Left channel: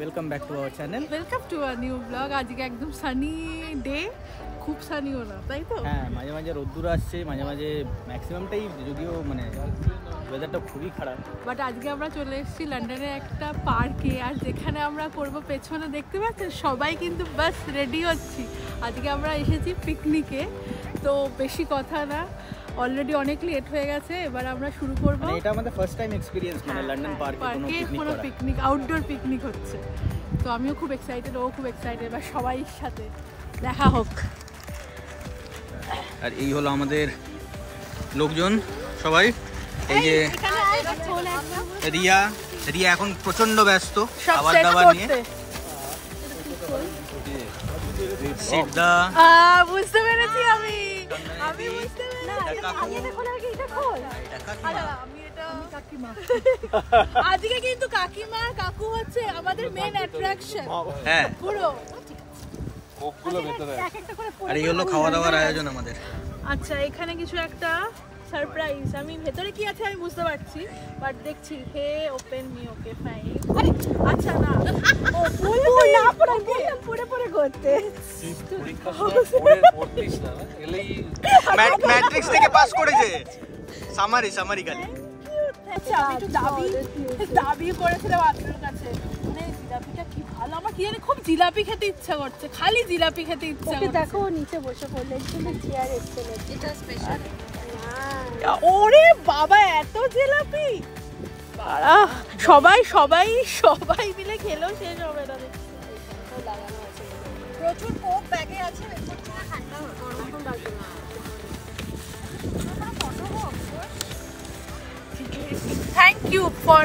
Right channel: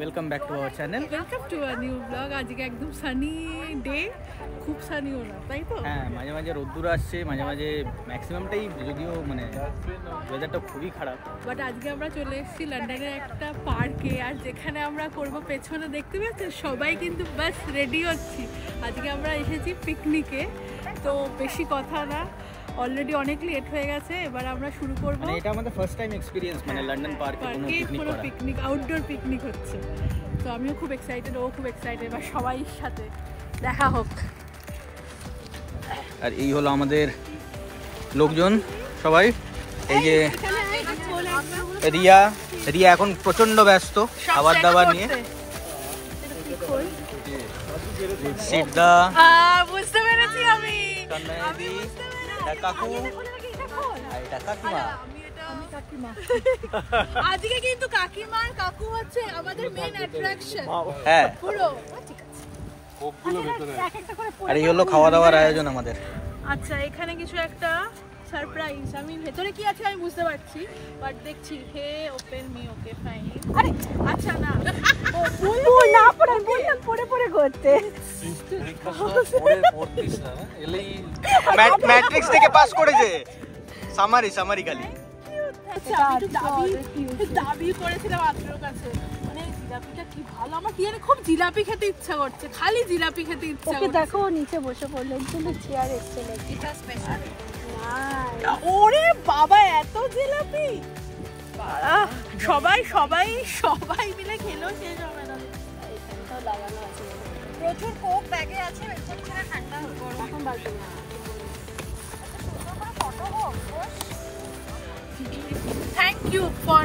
Welcome back to our channel. Welcome to a new blog. আজকে একদম sunny day, খুব Sanyo না, তাই তো? হ্যাঁ, মাঝে মাঝে রোদ্দুর আসছে, মাঝে মাঝে ম্যাক্সিমামটাই, যদিও মানে ওয়েদারটা খুবই খারাপ। বাট আজকে আমরা চলে এসেছি লন্ডনের একটা পার্কে, আর যেখানে আমরা করব পেছনে দেখতে পাচ্ছেন সবাই কিন্তু বাস রেডি হচ্ছি। আজকে আমরা এসেছি পিকনিকে, তো বেশি কথা না, অলরেডি অনেক লেট হয়ে গেছে, এবার আমরা শুরু করব। মানে এটা আমাদের ফার্স্ট টাইম এক্সপেরিয়েন্স, মানে লন্ডন পার্কে কোনো পিকনিক করা, পিকনিক, আউটডোর পিকনিক হচ্ছে। তো আমিও খুব এক্সাইটেড, ও খুব এক্সাইটেড, এবার সবাই সাথে দেখা হোক। আর এই হলো আমাদের লোকজন সবাই। এই যে রিয়া এখন প্রচন্ড ব্যস্ত খাবার দাবার নিয়ে। সিদ্ধা, বুঝতে পেরেছি আমি। আজকে কিন্তু কাকিমা আর কাকু হচ্ছে আমাদের মেইন অ্যাট্রাকশন। হ্যাঁ, পুরো আর এই হলো খাওয়া দাওয়ার আয়োজন আমাদের। আচ্ছা, এখানে কিছু একটা সারপ্রাইজ, আমি ভেতরে কি আছে আমি বুঝতে পারছি, বাট দেখছি। হে ওপেন মি, ওকে ফাইন। আরে আচ্ছা, না ও ফুল না পড়ে বললাম, পড়ে পড়ে করতে পড়তিস না, এলেই ম্যাট্রিক্স থেকে পাস করেছে, সামারি খালি। আচ্ছা, আমি একটু দাবি করেছিলাম আপনার কাছে, মানে জিলাপিটা কি ভালো, আমার কি জানি খুব জিলাপি খেতে ইচ্ছা করছে, খালি জিলাপি খেতে ইচ্ছা করছে। দেখো নিচে বসে পড়লে কিন্তু চেয়ার এসেছে, এটা স্পেশাল। ওরে বাবা, এত জিলাপি! সবাই মিলে খেলো, শেষ হবে না। প্রচুর কোক ব্যাগে আছে, ঠান্ডা এখন বাজে না। Thank you for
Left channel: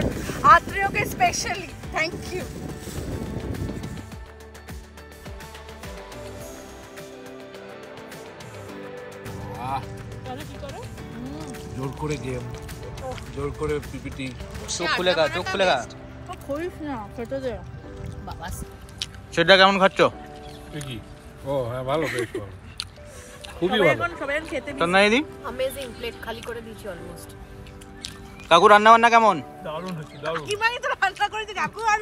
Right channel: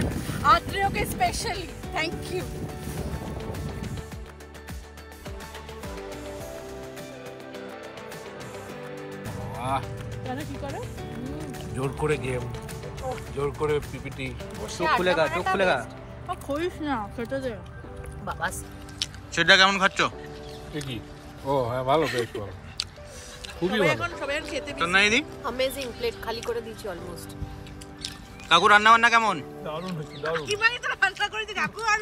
Atrioke specially. Thank you. জোর করে গেম, জোর করে পিপিটি। চোখ খুলেগা খইস না, খেতে দে বাবা। সেটা কেমন খাচ্ছ? কি? ও হ্যাঁ, ভালো, বেশ ভালো, খুবই ভালো। তন্নাইদি অ্যামেজিং, প্লেট খালি করে দিয়েছি অলমোস্ট। কাকু রান্না বান্না কেমন? দারুণ হচ্ছে, দারুণ। কি মানে তো রান্না করেছে কাকু? আর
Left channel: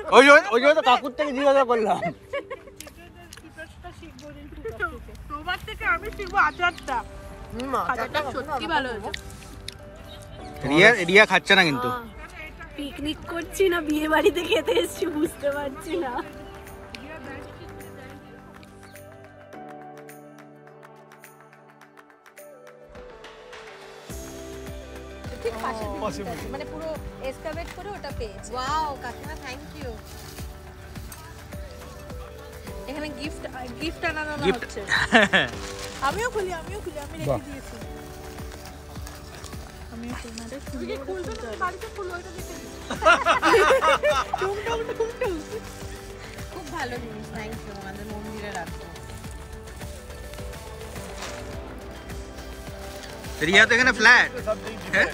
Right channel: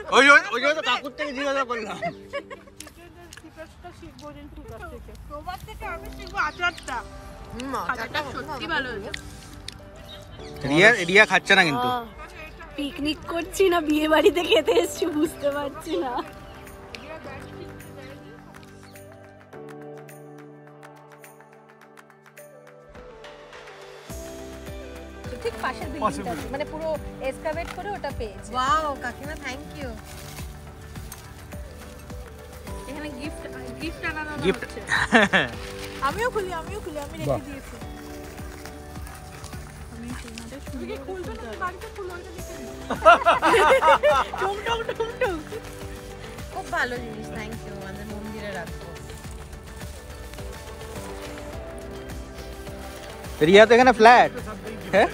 ওই তো কাকুর থেকে জিজ্ঞাসা করলাম। তোমার থেকে আমি শিখবো আচারটা। আচারটা সত্যি ভালো হয়েছে। রিয়া খাচ্ছে না কিন্তু। পিকনিক করছি না বিয়ে বাড়িতে খেতে এসেছি, বুঝতে পারছি না। মানে পুরো এসকাভেট করে ওটা পেয়েছি। ওয়াও কাকিমা, থ্যাংক ইউ। এখানে গিফট আনানো গিফট হচ্ছে। আমিও খুলি, আমি রেখে দিয়েছি। তুমি কি খুলবে না? বাড়িতে খুলো, ওইটা দেখে নিই। টুং। খুব ভালো জিনিস, থ্যাংক ইউ। আমাদের মন্দিরে রাখবো। রিয়া তো এখানে ফ্ল্যাট। হ্যাঁ,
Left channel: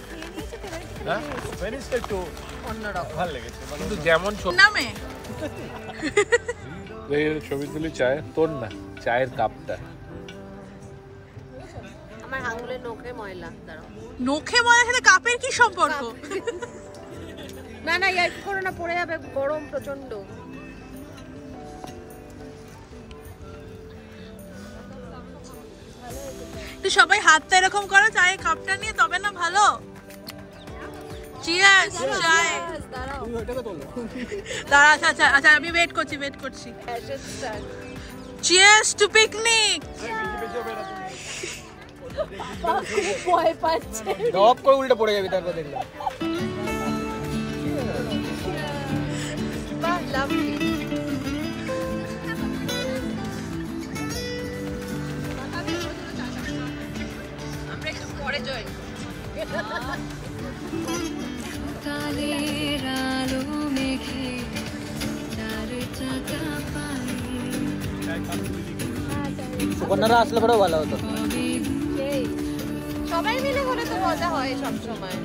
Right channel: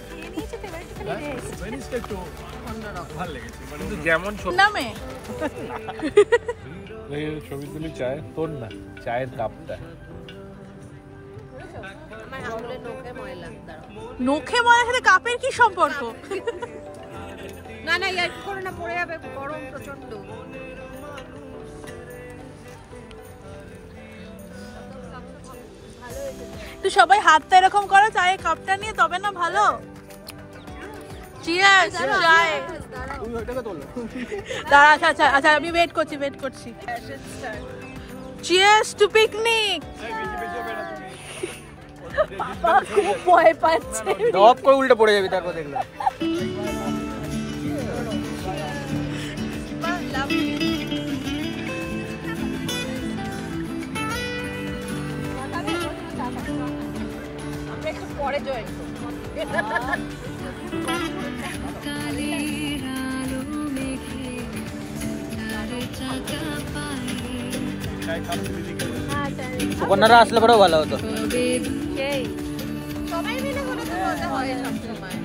যেমন নামে ছবি তুলি, চায়ের তোর না, চায়ের কাপটা আমার আঙুলের নখে ময়লা। নখে ময়লা সাথে কাপের কি সম্পর্ক? না ইয়ার কি করো না, পড়ে যাবে, গরম প্রচন্ড। তো সবাই হাতটা এরকম করো চায়ের কাপটা নিয়ে, তবে না ভালো। চিয়ার্স। চাই দাঁড়া, আচ্ছা আমি ওয়েট করছি। Cheers to picnic. ভয় পাচ্ছে, উল্টে পড়ে যাবি তারপর দেখলাম। আমরা একটু পরে জয়। সুকন্যারা আসলে পরেও ভালো হতো। সবাই মিলে ঘুরে তো মজা হয় সবসময়।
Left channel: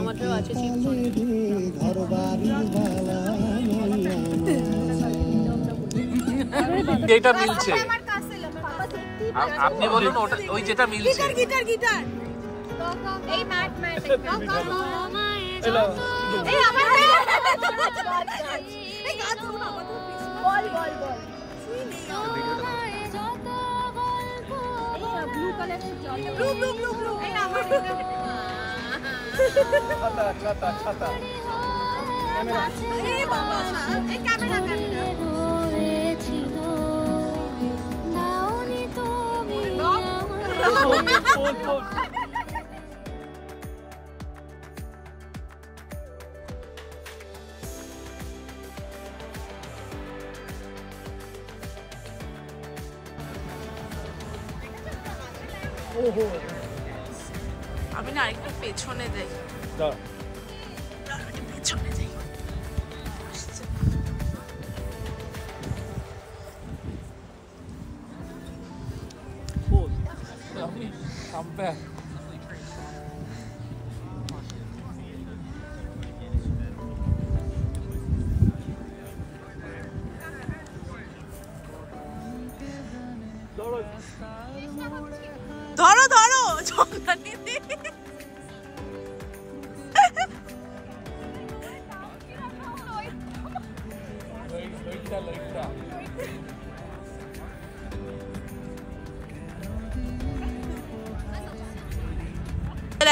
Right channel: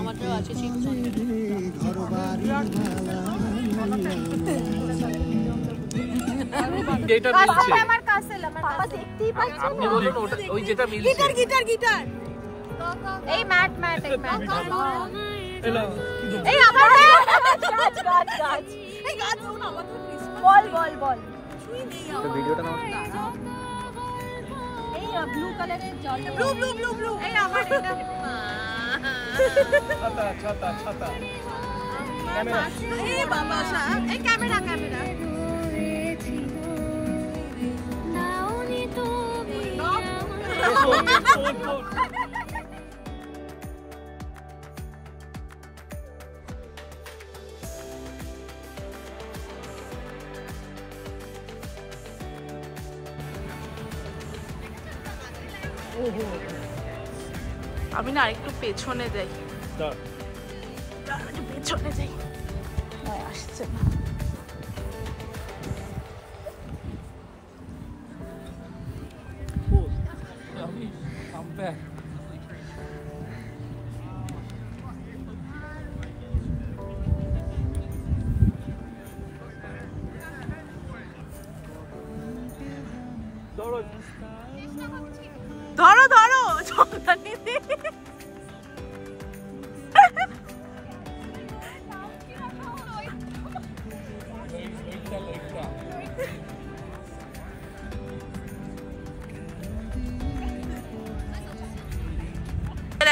আমাদের আছে চিপস। যেটা মিলছে আমার কাছে বাবা দেখতেই আপনি বলুন ওটা ওই যেটা মিলছে গিটার এই ম্যাট এই ম্যাট এই আমার এই গাছ না বল শুই নেই এই ব্লু কালারের জল ব্লু এই আমার এটা ছাতা এই বাবা এই ক্যামেরা আমি না আরেকটু পেছনে যাই পেছনে যাই ধরো চন্দানিদি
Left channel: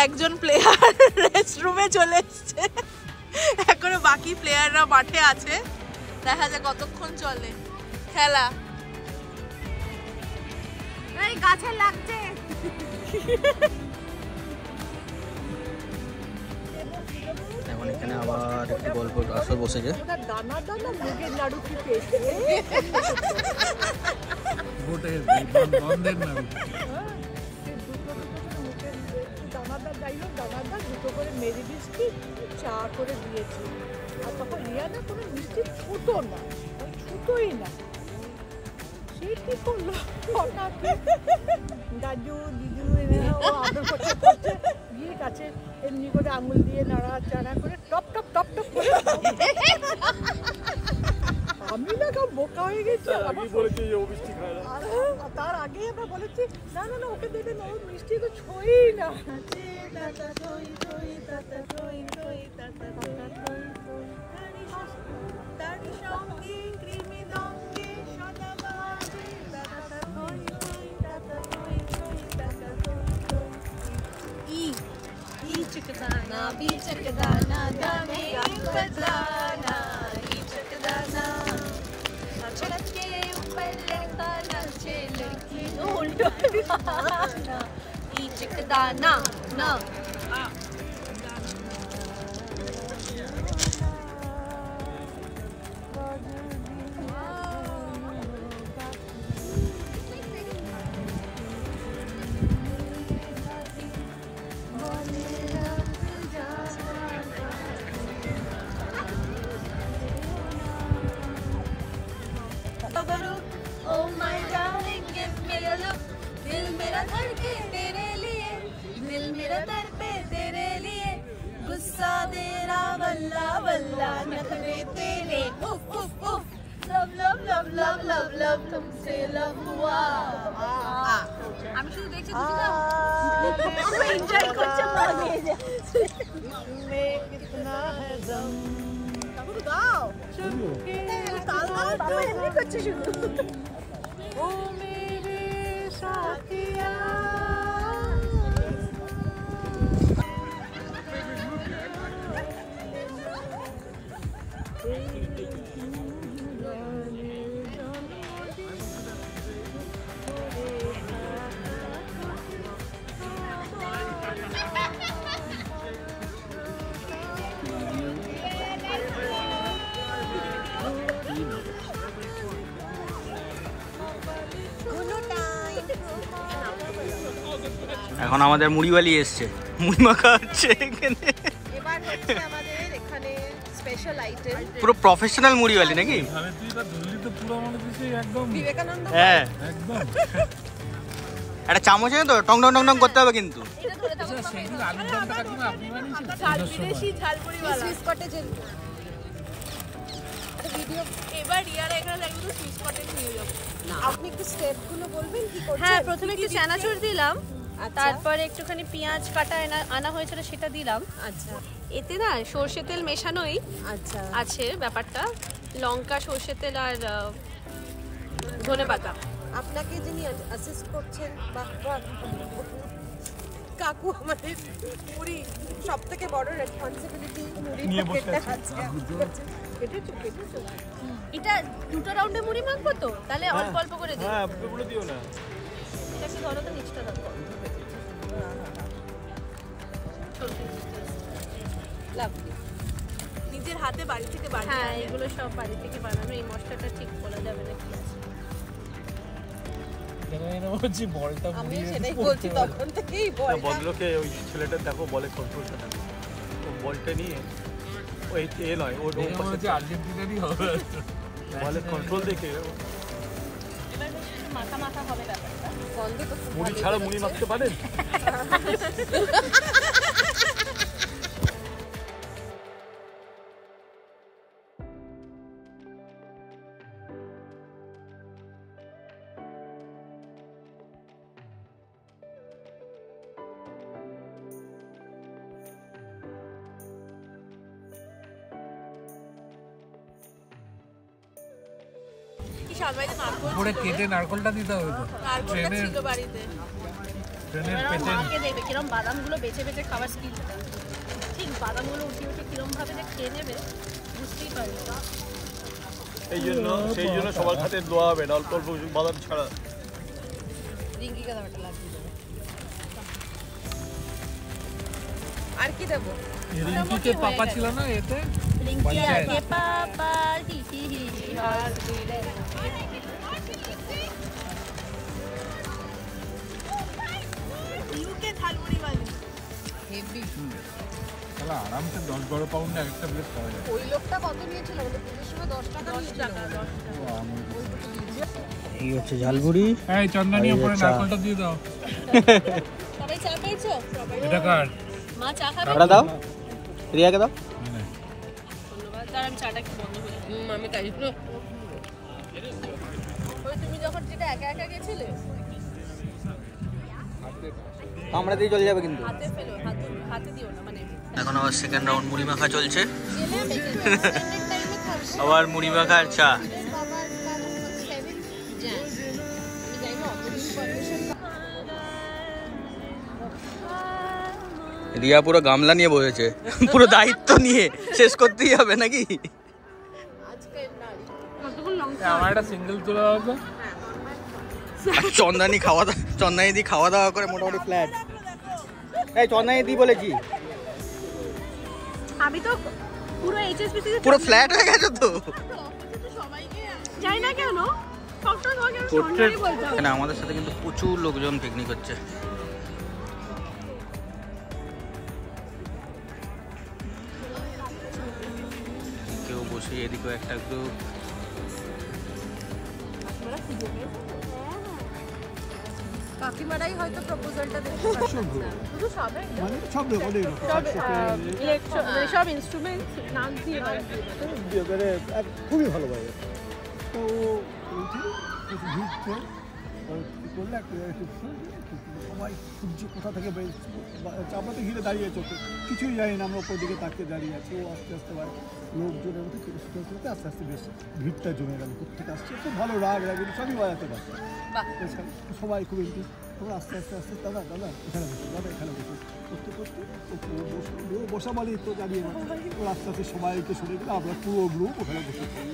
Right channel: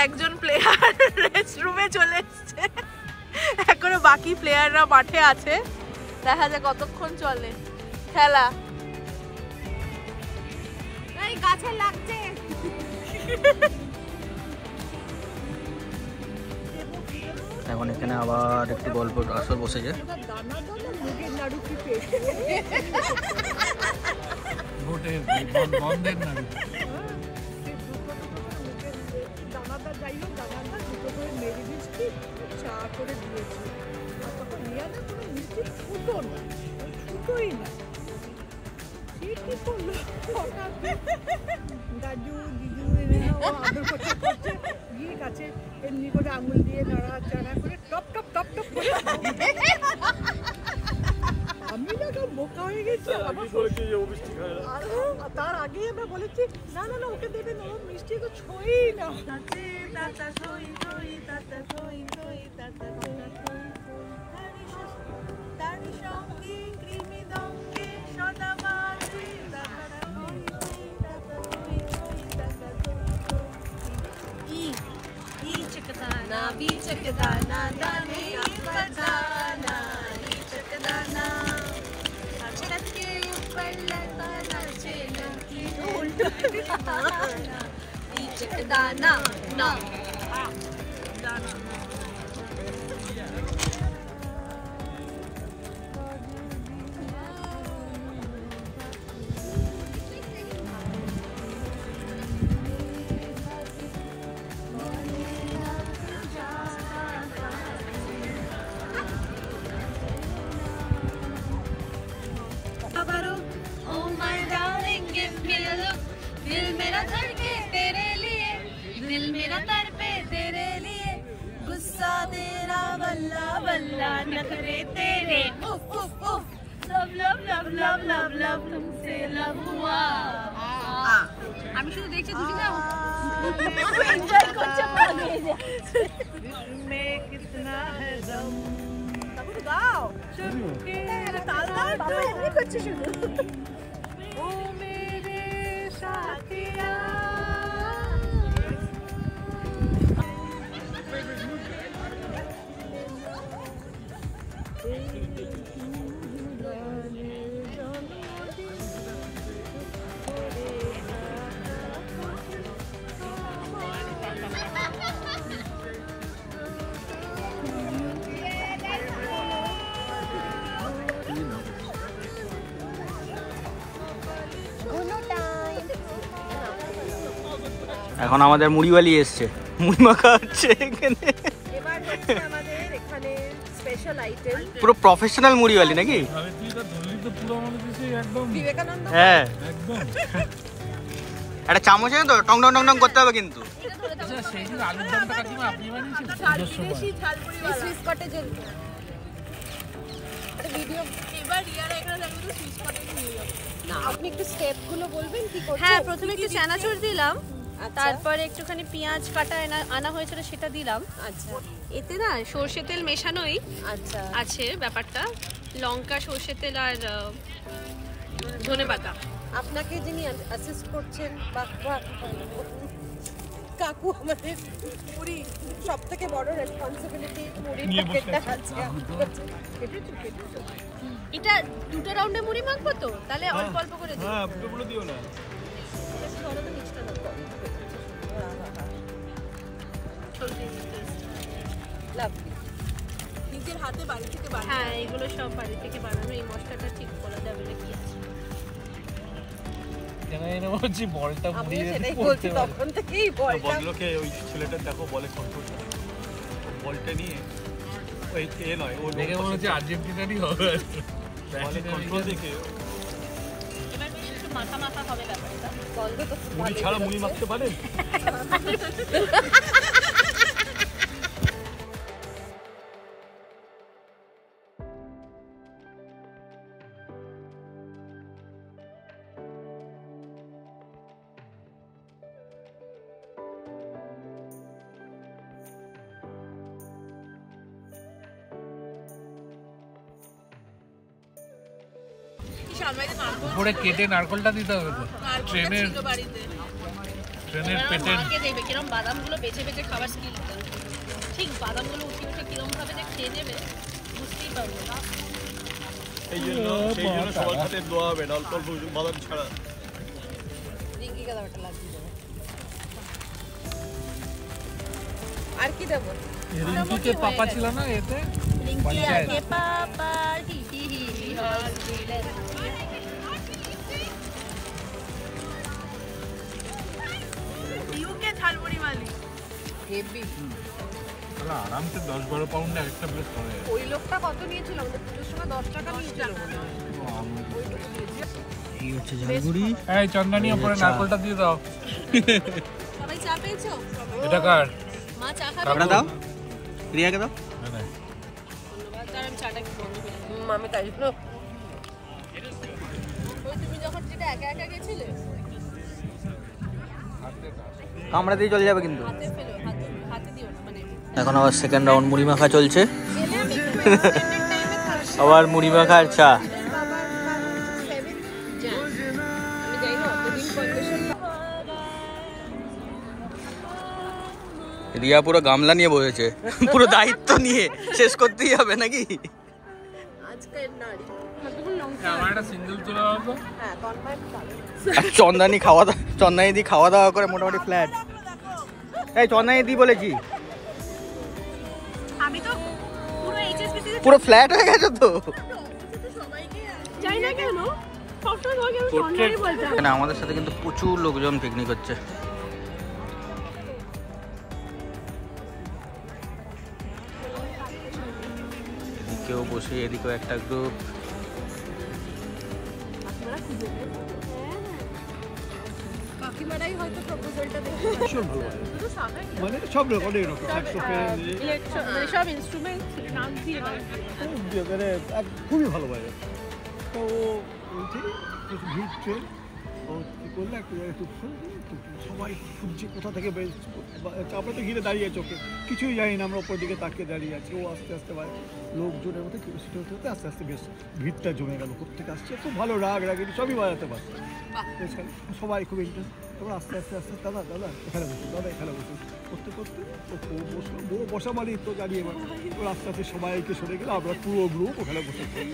একজন প্লেয়ার রেস্টরুমে চলে এসছে এখনো বাকি প্লেয়াররা মাঠে আছে দেখা যায় কতক্ষণ চলে খেলা গাছে লাগছে এখন এখানে আবার একটু গল্প আসর বসেছে চা করে দিয়েছি আর তখন রিয়া না কোনো মিষ্টি ছুটোই না সে কি করলো দাদু দিদু ও আদর করছে গিয়ে কাছে এমনি করে আঙুল দিয়ে নাড়াচাড়া করে টপ করে আমি না কেউ বোকা হয়ে গেছি তার আগে আমরা বলেছি না ওকে দেবে না ও মিষ্টি তো ছোঁই না चकदाना दाने बजाना चकदाना छत के ऊपर लगाना चलती उल्टा चकदाना ना गुस्सा तेरा बल्ला बल्ला नखरे तेरे उफ उफ उफ love love love love love love तुमसे लव हुआ আমি শুধু দেখছি দুদিন না এনজয় করছে में कितना है दम गाओ चुपके ताल करছি শুধু ओ मेरे साथिया এখন আমাদের মুড়িওয়ালি এসছে, মুড়ি মাখা হচ্ছে এখানে। পুরো প্রফেশনাল মুড়িওয়ালি নাকি? হ্যাঁ একদম একটা চামচ তো টং টং টং টং করতে হবে কিন্তু। সেই দিন আলুর দমটা কাকিমা আপনি বানিয়েছিলেন? ঝালমুড়ি ঝালমুড়ি সুইট স্পটে যে ভিডিও এবার রিয়ারা এখানে একদম সুইচ করে নিয়ে যাবে। আপনি একটু স্টেপ গুলো বলবেন কি করছেন? হ্যাঁ, প্রথমে একটু চানাচুর দিলাম, তারপরে একটুখানি পেঁয়াজ কাটা আনা হয়েছিল সেটা দিলাম। আচ্ছা এতে না সর্ষে তেল মেশানোই আচ্ছা আছে ব্যাপারটা, লঙ্কা, সর্ষে তেল আর ধনেপাতা। আপনাকে যিনি অ্যাসিস্ট করছেন কাকু, আমাদের মুড়ি সব থেকে বড় রেসপন্সিবিলিটি মুড়ি নিয়ে বসে আছে। এটা দুটো রাউন্ডে মুড়ি মাখবো তো, তাহলে অল্প অল্প করে দিই। হ্যাঁ, পুরোপুরি দিও না। এটা একটু ধরো তো, নিচটা ধরো। লাভলি। নিজের হাতে বাড়ি থেকে বানানো। হ্যাঁ, এগুলো সব বাড়ি থেকে বানানো। এই মশলাটা ঠিক বলা যাবে না কি আছে। কেন এনে বলছি বলটা আমি মুড়িয়ে সেটাই পড়তে বলছি, পারে। তখন থেকেই বলটা বললোকে ওই ছেলেটা দেখো বলে সব বলটা নিয়ে ওই এ নয় ও দেখে মনে হচ্ছে আর্জেন্টিনারই হবে। বলে কন্ট্রোল দেখে এবার একটু মাখা মাখা হবে ব্যাপারটা। বলবে তো মুড়ি ছাড়া মুড়ি মাখতে পারেন? উপরে কেটে নারকলটা দিতে হবে তো। ট্রেনের পেটে মাকে দেখবে কিরম বাদামগুলো বেছে বেছে খাবার স্কিল, ঠিক বাদামগুলো উঠে উঠে কিরম ভাবে যে খেয়ে নেবে বুঝতেই পারবে না। সেই জন্য সবার হাতে দোয়া হবে না, অল্প অল্প বাদাম ছাড়া। রিঙ্কিকে দাও, একটা লাগিয়ে দেবে। আর কি দেবো? রিঙ্কিকে পাপা ছিল না এতে? রিঙ্কি পঞ্চায়েত। আছে পাপার হি হি হি হি হসপিটাল। ইউকে ঝালমুড়ি মালি। হেভি। তাহলে আরামসে 10-12 পাউন্ড একটা প্লেট পাওয়া যায়। ওই লোকটা কত নিয়েছিল? ওদের পুজোর সময় 10 টাকা নিয়েছিল মনে হয়। এই হচ্ছে ঝালমুড়ি। এই চন্দনী আর এই উপরে চা। নারকলটা দিয়ে দাও। সবাই চা পেয়েছো? এটা কার? মা চা খাবে? কাকড়া দাও, রিয়াকে দাও। না না, ধন্যবাদ। তার আমি চাটা একটু বন্ধ করে দিই। আমি তাই জন্য ওই তুমি যখন যেটা একা একা গেছিলে কামড়াতেই চলে যাবে কিন্তু। হাতে ফেলো, হাতে দিও না, মানে এখন আবার সেকেন্ড রাউন্ড মুড়ি মাখা চলছে। আবার মুড়ি মাখা আর চা। রিয়া পুরো গামলা নিয়ে বসেছে, পুরো দায়িত্ব নিয়ে শেষ করতেই হবে নাকি? আমার একটা সিঙ্গেল চলে যাবে তো। আর চন্দানি দি খাওয়া দাওয়া করে মোটামুটি ফ্ল্যাট। এই চন্দানি দি বলেছি আমি তো পুরো এইচএসপি থেকে পুরো ফ্ল্যাট হয়ে গেছে তো। যাই না কেন, সবসময় তোমাকে আমি সন্ধ্যায় বলতাম। এখানে আমাদের সাথে কিন্তু প্রচুর লোকজন পিকনিক হচ্ছে। এদিকেও বসে, এদিকেও একটা গ্রুপ। কাকিমারাই হয়তো প্রপোজালটা দেখতে পাচ্ছে। মানে সব রকম অনেক রকম স্যাক্সোফোন সব ইনস্ট্রুমেন্ট নাম দিয়ে হয়। মানে খুবই ভালো বাজে। তো ওইটি ভিড় ট্রেন ও কী করলে একটা জায়গায় সবাই খুঁজছে কোথা থেকে আমরা তো ঘিরে দাঁড়িয়ে চোখে কিছুই জানি না, আমরা ওপর দিকে তাকিয়ে দাঁড়িয়ে আছি। ও আস্তে আস্তে লোকজনের মধ্যে কেরোসিন হতে আস্তে আস্তে বেশ ভিড়টা জমে গেল। কোথেকে আসছে খুব ভালো রাগ সবই বাজাতে পারছে। সবাই খুব ইন্টারেস্ট। তারপর আস্তে আস্তে আস্তে দাদা এখানে বসুন, দাদা এখানে বসুন করতে করতে ও বসা মানে তো দাঁড়িয়ে মানে ওর আস্তে আস্তে সবাইকে সরে গেলে আমরা পুরো গ্রুপ ওখানে বসে পড়ি।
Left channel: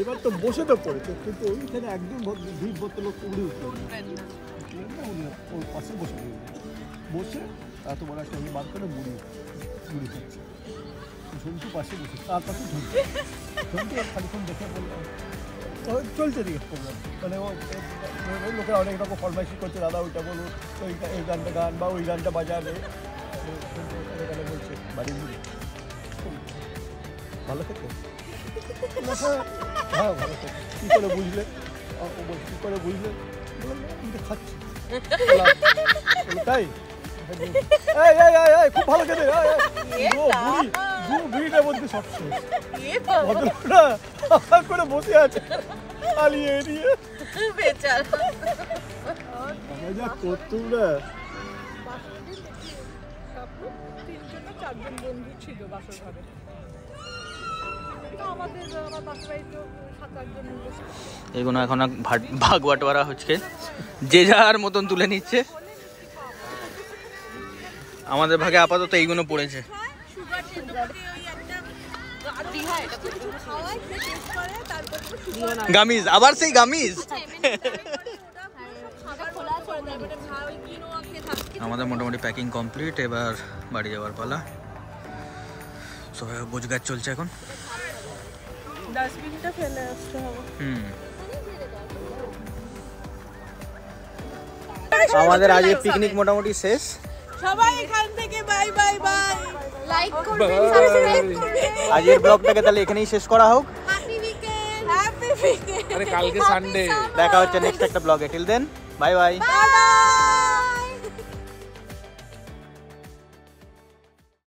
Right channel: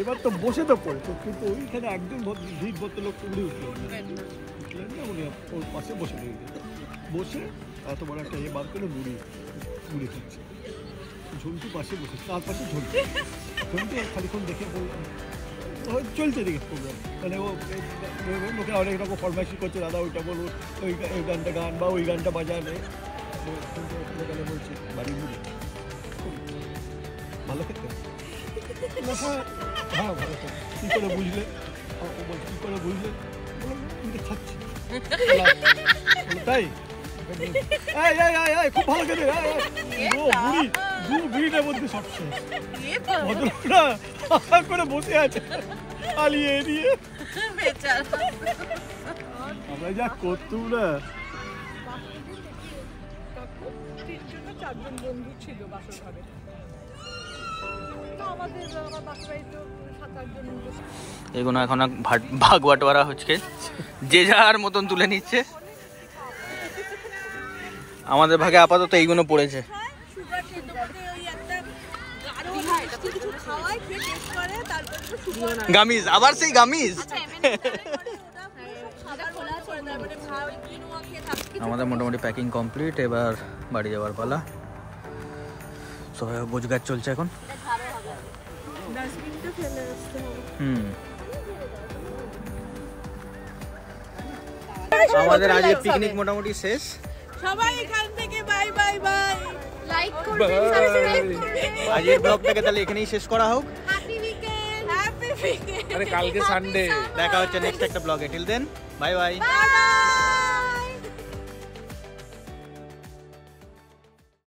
এবার তো বসে তো পড়তো, কিন্তু ওইখানে একদম ভিড় ভর্তি লোক উড়ে উঠলেন না, উনি ওর পাশে বসে রইলেন। বসে এত বড় একটা বার করে মুড়ি খাচ্ছে। ঝুন্টু পাশে বসে, তার পাশে ঝুন্টু আর খানিক্ষণ দেখে বললাম চলছে দিকে প্রোগ্রাম। মানে ও লোকেরা অনেক রকম ফরমাইশি করছে, দাদা ওইটা বলুন, ওই গানটা গান বা ওই গানটা বাজানে। বলছে বাড়ি মুড়ি ভালো খেতে। হ্যাঁ ভালো খেতে। কী করে বুঝলে? ও বলছে কী করে বুঝলে? বললাম আমি তো খাচ্ছি। তাই এই এই এই এই খুব ভালো খেতে বুড়িটার মধ্যে সব শেষ ভদ্রটা করে বসে আছে পালিয়ে দিয়ে আমরা যা করতুম না। তিনজন না চারজন বন্ধু ছিল বাসর ঘরে, আমাদের আমার বাসর বাড়িতে 7-8 জন। এগুলো এখন ভাগ বাটোয়ারা হচ্ছে, যে যার মতন তুলে নিচ্ছে। আমাদের ভাগে আপাতত এইগুলো পড়েছে। গামিজ, আবার সেই গামিজ। আমাদের মোটামুটি প্যাকিং কমপ্লিট, এবার বাড়ি যাওয়ার পালা। সবাই গোছগাছ চলছে এখন। আমাদের আজকে পিকনিক মোটামুটি শেষ। সবাই এখান থেকে বাই বাই বাই। লাইক করবেন, সাবস্ক্রাইব করবেন। আজকের ব্লগটাকে তাহলে এখানেই শেষ করা হোক। Happy weekend. Happy weekend. আরে কালকে সানডে, দেখা হচ্ছে নেক্সট একটা ব্লগে। Till then bye bye. Bye by.